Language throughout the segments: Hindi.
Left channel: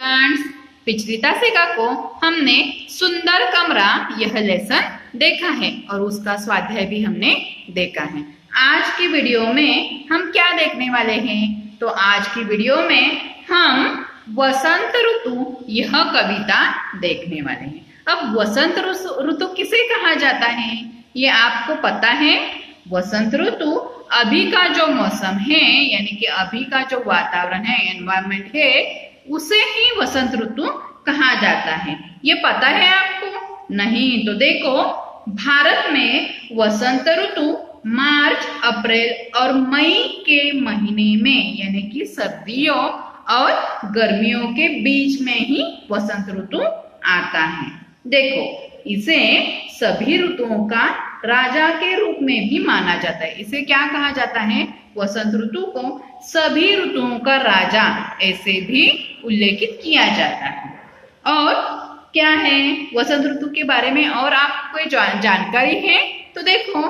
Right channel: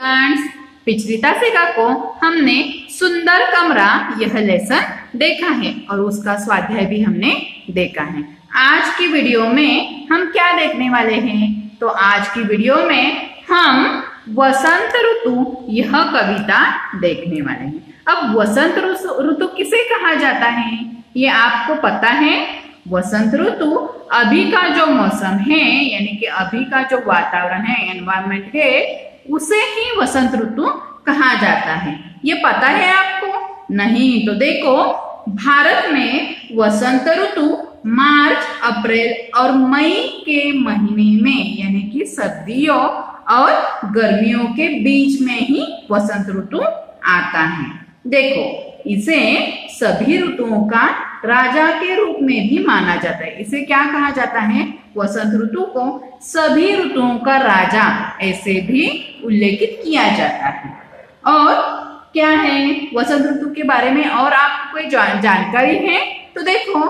फ्रेंड्स, पिछली तासिका को हमने सुंदर कमरा यह लेसन देखा है और उसका स्वाध्याय भी हमने देखा है। आज की वीडियो में हम क्या देखने वाले हैं? तो आज की वीडियो में हम वसंत ऋतु यह कविता देखने वाले हैं। अब वसंत ऋतु किसे कहा जाता है ये आपको पता है? वसंत ऋतु अभी का जो मौसम है यानी कि अभी का जो वातावरण है, एनवायरमेंट है, उसे ही वसंत ऋतु कहा जाता है। ये पता है आपको? नहीं तो देखो, भारत में वसंत ऋतु मार्च, अप्रैल और मई के महीने में यानी कि सर्दियों और गर्मियों के बीच में ही वसंत ऋतु आता है। देखो, इसे सभी ऋतुओं का राजा के रूप में भी माना जाता है। इसे क्या कहा जाता है? वसंत ऋतु को सभी ऋतुओं का राजा ऐसे भी उल्लेखित किया जाता है। और क्या है वसंत ऋतु के बारे में और आपको कोई जानकारी है? तो देखो,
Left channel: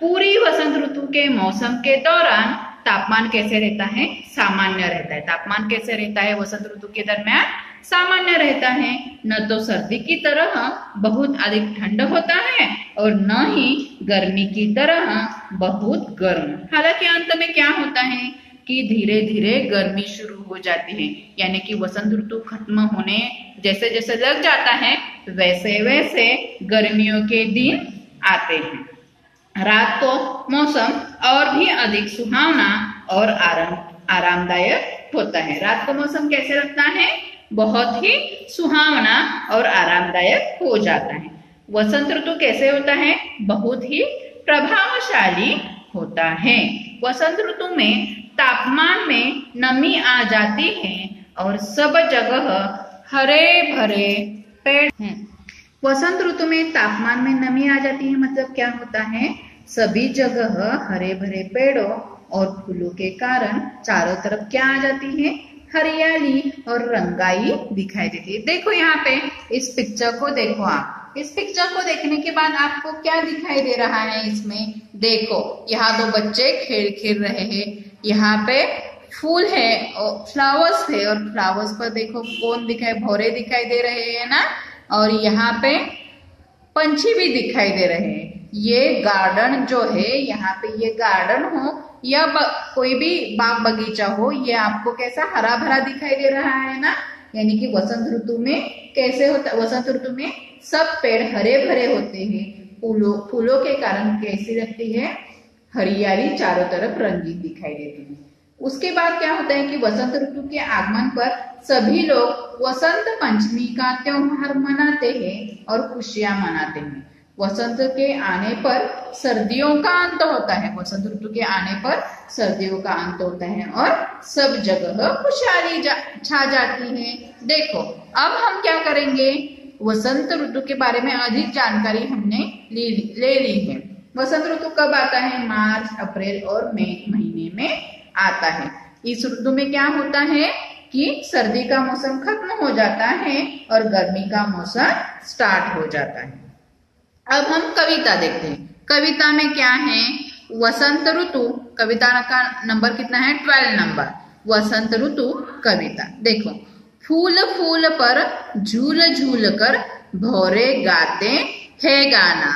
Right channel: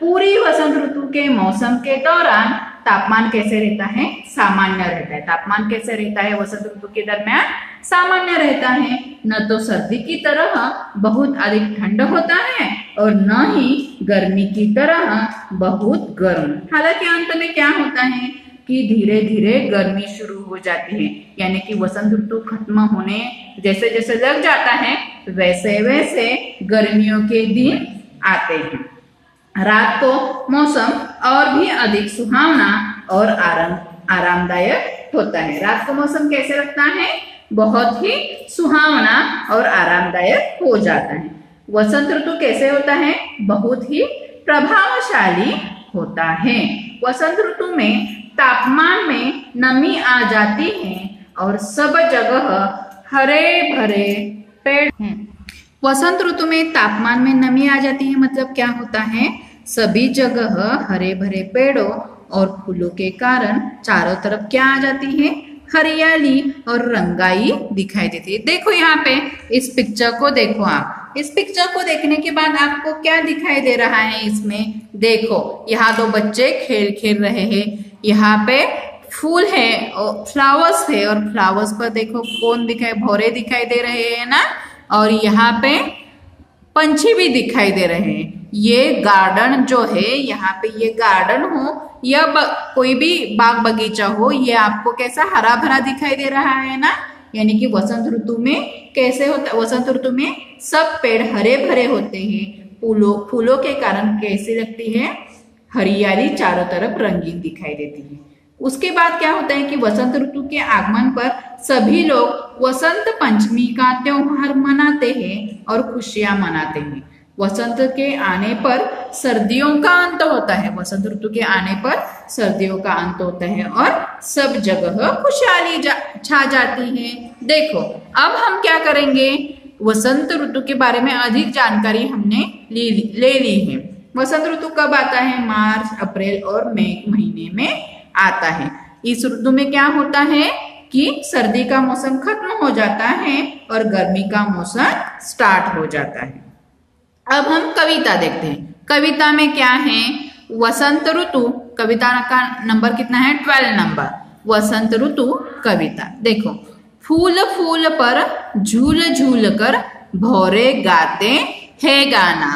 पूरी वसंत ऋतु के मौसम के दौरान तापमान कैसे रहता है? सामान्य रहता है। तापमान कैसे रहता है वसंत ऋतु के दरमियान? सामान्य रहता है। न तो सर्दी की तरह बहुत अधिक ठंड होता है और न ही गर्मी की तरह बहुत गर्म। हालांकि अंत में क्या होता है कि धीरे धीरे गर्मी शुरू हो जाती है, यानी कि वसंत ऋतु खत्म होने जैसे जैसे लग जाता है वैसे वैसे गर्मियों के दिन आते हैं। रात को मौसम और भी अधिक सुहावना और आरामदायक होता है। रात को मौसम कैसे लगता है? बहुत ही सुहावना और आरामदायक हो जाता है। वसंत ऋतु कैसे होता है? बहुत ही प्रभावशाली होता है। वसंत ऋतु में तापमान में नमी आ जाती है और सब जगह हरे भरे पेड़ हैं। वसंत ऋतु में तापमान में नमी आ जाती है मतलब क्या होता है? सभी जगह हरे भरे पेड़ों और फूलों के कारण चारों तरफ क्या आ जाती है? हरियाली और रंगाई दिखाई देती है। देखो यहाँ पे इस पिक्चर को देखो आप। इस पिक्चर को देखने के बाद आपको क्या दिखाई दे रहा है इसमें? देखो, यहाँ दो बच्चे खेल रहे हैं। यहाँ पे फूल है और फ्लावर्स है और फ्लावर्स पर देखो कौन दिखाई? भौरे दिखाई दे रहे हैं ना। और यहाँ पे पंछी भी दिखाई दे रहे हैं। ये गार्डन जो है, यहाँ पे ये गार्डन हो या कोई भी बाग बगीचा हो, ये आपको कैसा हरा भरा दिखाई दे रहा है ना। यानी कि वसंत ऋतु में कैसे होता? वसंत ऋतु में सब पेड़ हरे भरे होते हैं। फूलों के कारण कैसी लगती है? हरियाली चारों तरफ रंगीन दिखाई देती है। उसके बाद क्या होता है कि वसंत ऋतु के आगमन पर सभी लोग वसंत पंचमी का त्योहार मनाते हैं और खुशियां मनाते हैं। वसंत के आने पर सर्दियों का अंत होता है। वसंत ऋतु के आने पर सर्दियों का अंत होता है और सब जगह खुशहाली छा जाती है। देखो, अब हम क्या करेंगे? वसंत ऋतु के बारे में अधिक जानकारी हमने ले ली है। वसंत ऋतु कब आता है? मार्च, अप्रैल और मई महीने में आता है। इस ऋतु में क्या होता है कि सर्दी का मौसम खत्म हो जाता है और गर्मी का मौसम स्टार्ट हो जाता है। अब हम कविता देखते हैं। कविता में क्या है? वसंत ऋतु कविता का नंबर कितना है? 12 नंबर। वसंत ऋतु कविता देखो, फूल फूल पर झूल झूल कर भौरे गाते हैं गाना।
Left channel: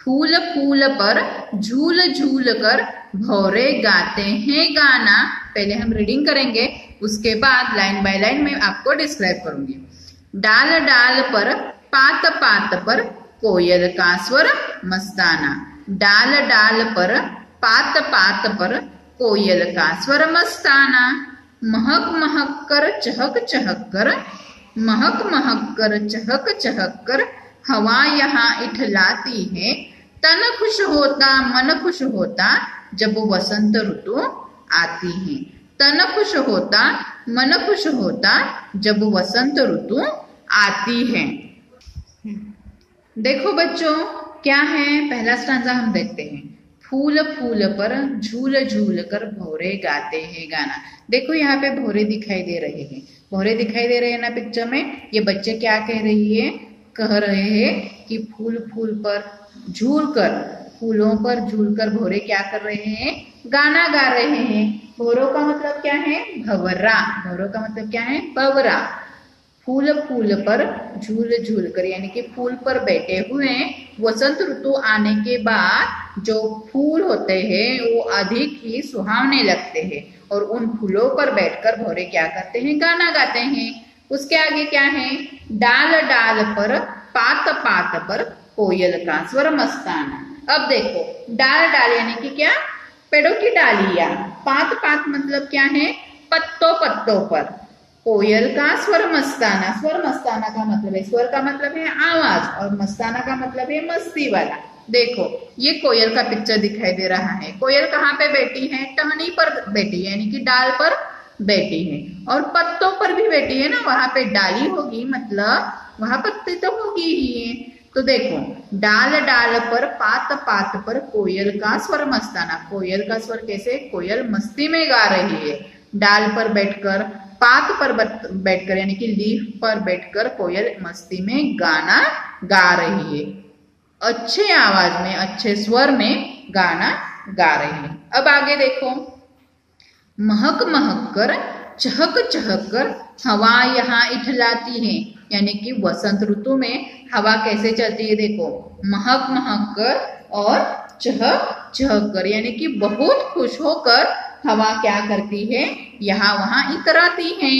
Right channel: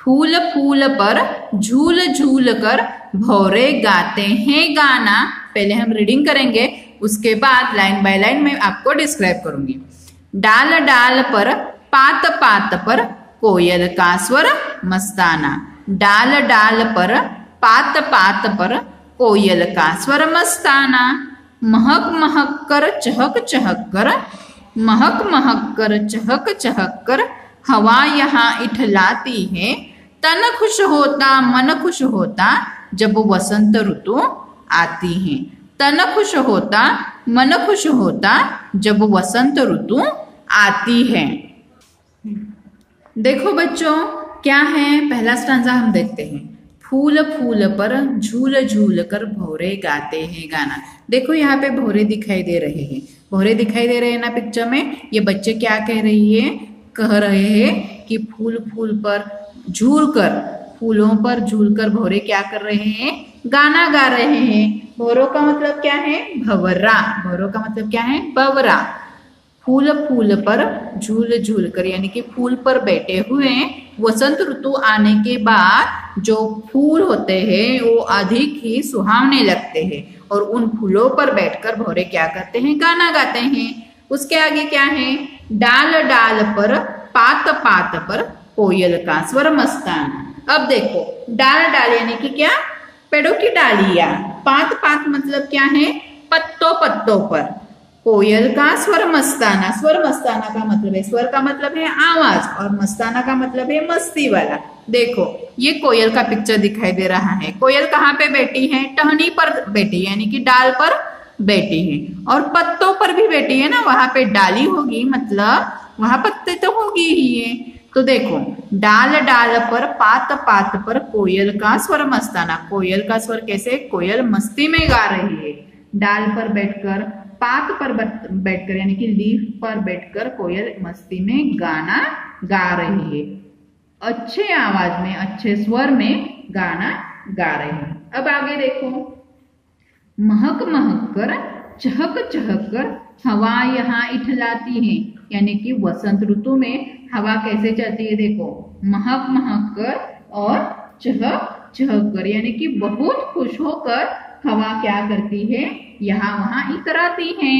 फूल फूल पर झूल झूल कर भौरे गाते हैं गाना। पहले हम रीडिंग करेंगे, उसके बाद लाइन बाय लाइन में आपको डिस्क्राइब करूंगी। डाल डाल पर पात पात पर कोयल का स्वर मस्ताना। डाल डाल पर पात पात पर कोयल का स्वर मस्ताना। महक महक कर चहक चहक कर, महक महक कर चहक चहक कर हवा यहाँ इठलाती है। तन खुश होता मन खुश होता जब वसंत ऋतु आती है। तन खुश होता मन खुश होता जब वसंत ऋतु आती है। देखो बच्चों, क्या है? पहला स्टांजा हम देखते हैं। फूल फूल पर झूल झूल कर भौरे गाते हैं गाना। देखो यहाँ पे भौरे दिखाई दे रहे हैं। भौरे दिखाई दे रहे हैं ना पिक्चर में। ये बच्चे क्या कह रही है? कह रहे हैं कि फूल फूल पर झूल कर, फूलों पर झूल कर भौरे क्या कर रहे हैं? गाना गा रहे हैं। भौरों का मतलब क्या है? भंवरा। भौरों का मतलब क्या है? बवरा। फूल फूल पर झूल झूल कर, यानी कि फूल पर बैठे हुए हैं। वसंत ऋतु आने के बाद जो फूल होते हैं वो अधिक ही सुहावने लगते हैं और उन फूलों पर बैठकर भौरे क्या करते हैं, गाना गाते हैं। उसके आगे क्या है, डाल डाल पर पात पात पर कोयल का स्वर मस्ताना। अब देखो डाल डाल यानी कि क्या, पेड़ों की डालियां। पात पात मतलब क्या है, पत्तों पत्तों पर। कोयल का स्वर मस्ताना, स्वर मस्ताना का मतलब है, स्वर का मतलब है आवाज और मस्ताना का मतलब है मस्ती वाला। देखो ये कोयल का पिक्चर दिखाई दे रहा है। कोयल कहाँ पे बैठी है, टहनी पर बैठी है, यानी कि डाल पर बैठी है। और पत्तों पर भी बैठी है ना, वहां पे डाली होगी मतलब वहां पत्ते तो होगी ही है। तो देखो डाल डाल पर पात पात पर कोयल का स्वर मस्ताना। कोयल का स्वर कैसे, कोयल मस्ती में गा रही है। डाल पर बैठकर, पात पर बैठकर यानी कि लीफ पर बैठकर कोयल मस्ती में गाना गा रही है। अच्छे आवाज में, अच्छे स्वर में गाना गा रही है। अब आगे देखो, महक महक कर चहक चहक कर हवा यहाँ इठलाती है, यानी कि वसंत ऋतु में हवा कैसे चलती है। देखो महक महक कर और चहक चहक कर, यानी कि बहुत खुश होकर हवा क्या करती है, यहाँ वहां इतराती है।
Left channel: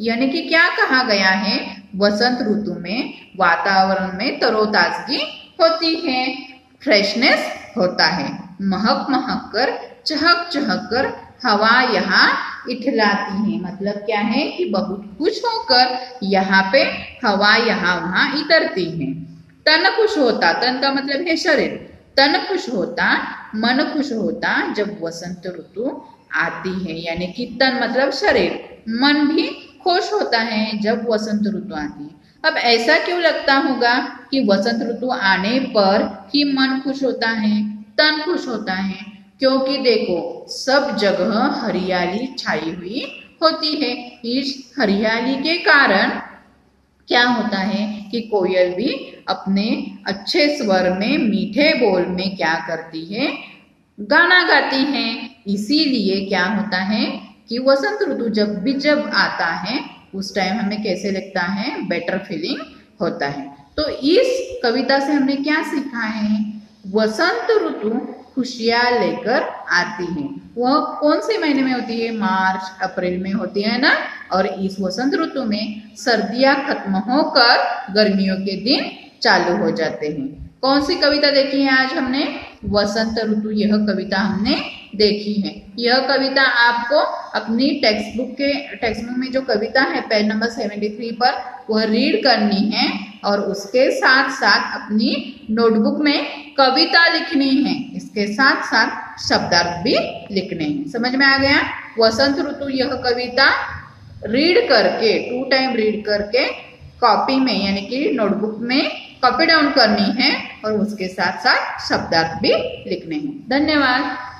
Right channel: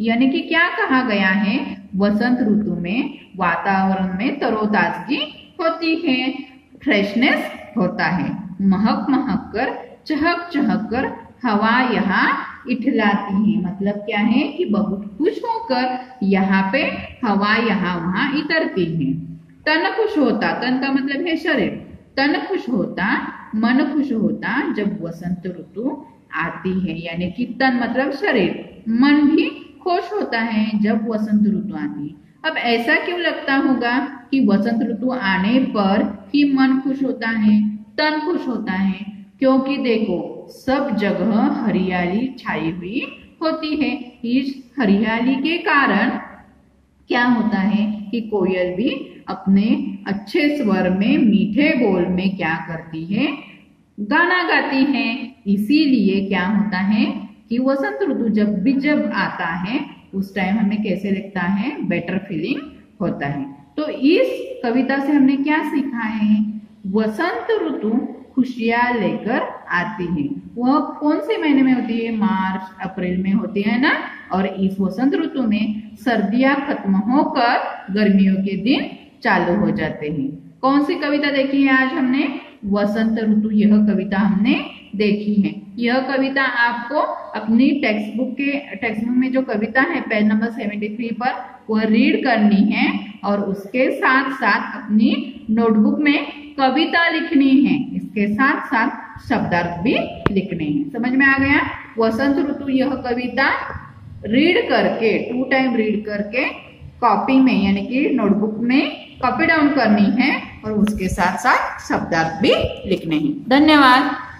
यानी कि क्या कहा गया है, वसंत ऋतु में वातावरण में तरोताजगी होती है, फ्रेशनेस होता है। महक महक कर चहक चहक कर हवा यहाँ इठलाती है, मतलब क्या है कि बहुत खुश होकर यहाँ पे हवा यहाँ वहां इतरती है। तन खुश होता, तन का मतलब है शरीर। तन खुश होता, मन खुश होता जब वसंत ऋतु आती है, यानी कि तन मतलब शरीर, मन भी खुश होता है जब वसंत ऋतु आती है। अब ऐसा क्यों लगता होगा कि वसंत ऋतु आने पर ही मन खुश होता है, तन खुश होता है? क्योंकि देखो सब जगह हरियाली छाई हुई होती है। इस हरियाली के कारण क्या होता है कि कोयल भी अपने अच्छे स्वर में, मीठे बोल में क्या करती है, गाना गाती है। इसीलिए क्या होता है कि वसंत ऋतु जब आता है उस टाइम हमें कैसे लगता है, बेटर फीलिंग होता है। तो इस कविता से हमने क्या सीखा है, वसंत ऋतु खुशियां लेकर आती है। वह कौन से महीने में होती है, मार्च अप्रैल में होती है ना। और इस वसंत ऋतु में सर्दियां खत्म होकर गर्मियों के दिन चालू हो जाते हैं। कौन सी कविता देखी है आज हमने, वसंत ऋतु, यह कविता हमने देखी है। यह कविता आपको अपनी टेक्स्ट बुक में जो कविता है पेज नंबर 73 पर वह रीड करनी है और उसके साथ साथ अपनी नोटबुक में कविता लिखनी है, इसके साथ साथ शब्दार्थ भी लिखने हैं। समझ में आ गया? वसंत ऋतु यह कविता रीड करके 2 टाइम रीड करके कॉपी में यानी कि नोटबुक में कॉपी डाउन करनी है और उसके साथ साथ शब्दार्थ भी लिखने हैं। धन्यवाद।